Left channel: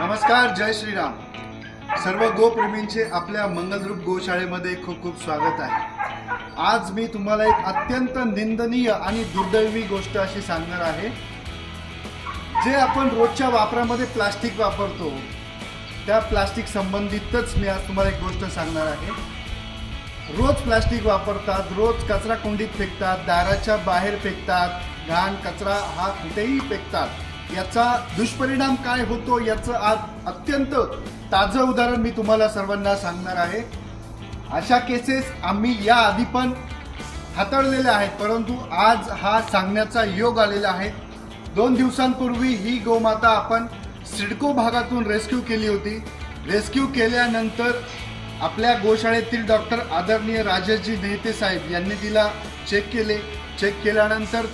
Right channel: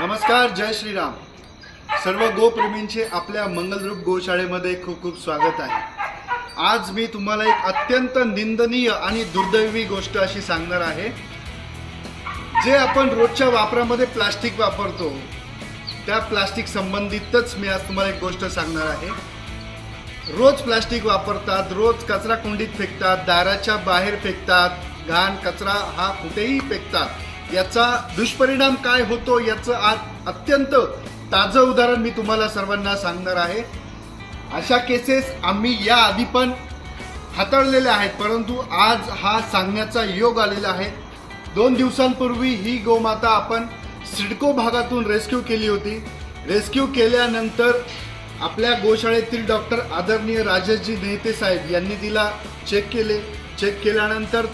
नमस्कार, जय श्रीराम। सर्व गोप्रेमींचे आपल्या मंगलरूप गोशाळेमध्ये खूप खूप स्वागत आहे। आज मी तुम्हाला एक अत्यंत निंदनीय आणि दुर्दैवी गोष्ट अशी सांगणार आहे। जे आपण रोजच्या वापरामध्ये प्लास्टिक वापरतो त्या प्लास्टिक संबंधितच मी आज तुम्हाला एक गोष्ट सांगणार आहे। रोज प्लास्टिक वापरतात, रोज कचरा कुंडीत फेकतात, दाराच्या बाहेर फेकतात, घाण कचरा हा कुठेही फेकतात। याचा दुष्परिणाम काय होतो याचं आज अत्यंत ताजं उदाहरण मी तुम्हाला सर्वांना सांगणार आहे। अशा केसेस आम्ही या आधी पण हाताळलेल्या आहेत, परंतु आज हा सांगण्याचा योग आलेला आहे। 2 दिवसांपूर्वी ही गोमाता आपण सिडको भागातून रेस्क्यू केली होती। रेस्क्यू केल्यानंतर आपल्या गोशाळेतील डॉक्टर आदरणीय राजेशजी नेते साहेब यांनी तिला चेक केल्यानंतर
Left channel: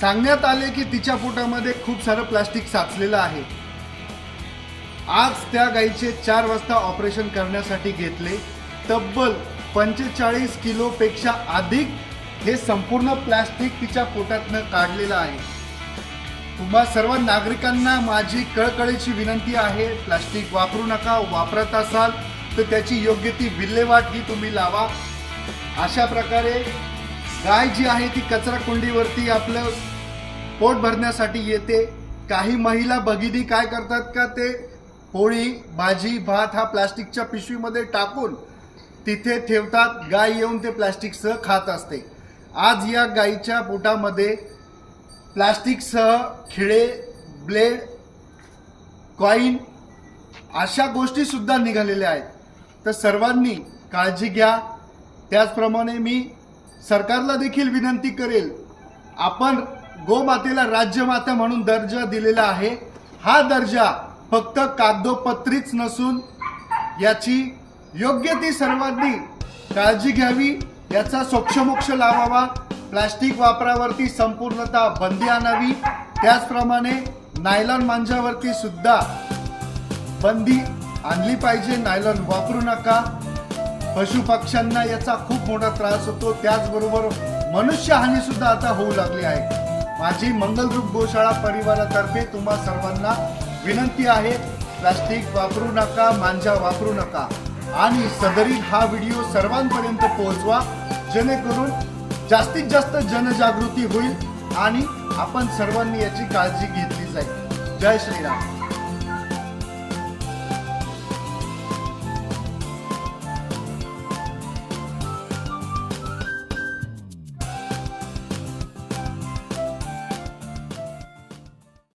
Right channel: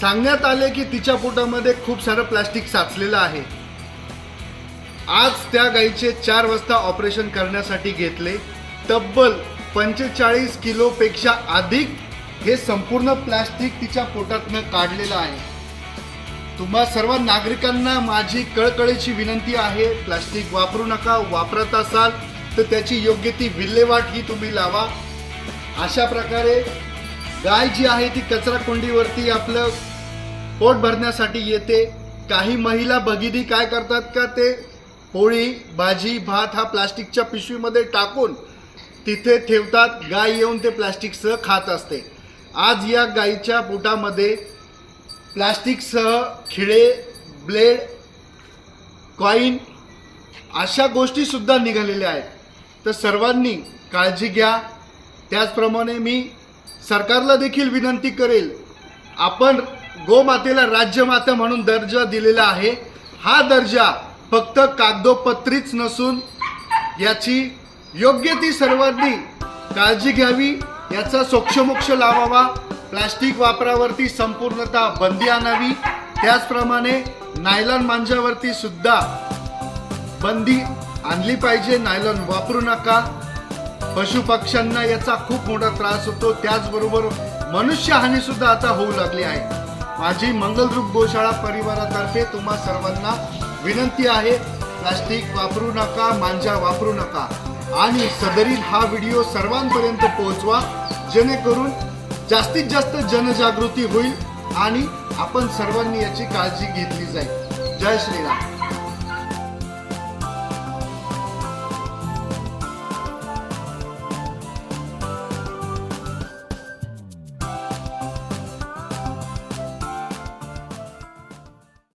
सांगण्यात आले की तिच्या पोटामध्ये खूप सारं प्लास्टिक साचलेलं आहे। आज त्या गायीचे 4 वाजता ऑपरेशन करण्यासाठी घेतले। तब्बल 45 किलोपेक्षा अधिक हे संपूर्ण प्लास्टिक तिच्या पोटातनं काढलेलं आहे। तुम्हा सर्व नागरिकांना माझी कळकळीची विनंती आहे, प्लास्टिक वापरू नका। वापरत असाल तर त्याची योग्य ती विल्हेवाट ही तुम्ही लावा। अशा प्रकारे गाय जी आहे ती कचरा कुंडीवरती आपलं पोट भरण्यासाठी येते। काही महिला भगिनी काय करतात का ते पोळी भाजी भात हा प्लास्टिकच्या पिशवीमध्ये टाकून तिथे ठेवतात। गाय येऊन ते प्लास्टिकसह खात असते। आज या गायीच्या पोटामध्ये प्लास्टिकसह खिळे, ब्लेड, कॉइन अशा गोष्टी सुद्धा निघालेल्या आहेत। तर सर्वांनी काळजी घ्या। त्याचप्रमाणे मी सरकारला देखील विनंती करेल, आपण गोमातेला राज्यमाता म्हणून दर्जा दिलेला आहे। हा दर्जा फक्त कागदोपत्रीच नसून याची योग्य ती सर्वांनी काळजी घ्यावी, याचा सोक्षमोक्ष लावावा। प्लास्टिक वापरावरती संपूर्णतः बंदी आणावी। त्याचप्रमाणे नायलॉन मांजावरती सुद्धा बंदी आणली पाहिजे। नायलॉन वापरू नका। पशुपक्ष्यांना याचा खूप मोठा त्रास होतो। त्याचबरोबर मनुष्यहानी सुद्धा आता होऊ लागली आहे। माझी मंगलरूप गोशाळा परिवारातर्फे तुम्हा सर्वांना विनंती आहे, प्लास्टिक वापरू नका, मांजा वापरू नका आणि सदरील हा व्हिडिओ सर्वांपर्यंत पोहोचवा, जेणेकरून जास्तीत जास्त जनजागृती होईल आणि आपण सर्वांनी याची काळजी घेतली जाईल। जय श्रीराम।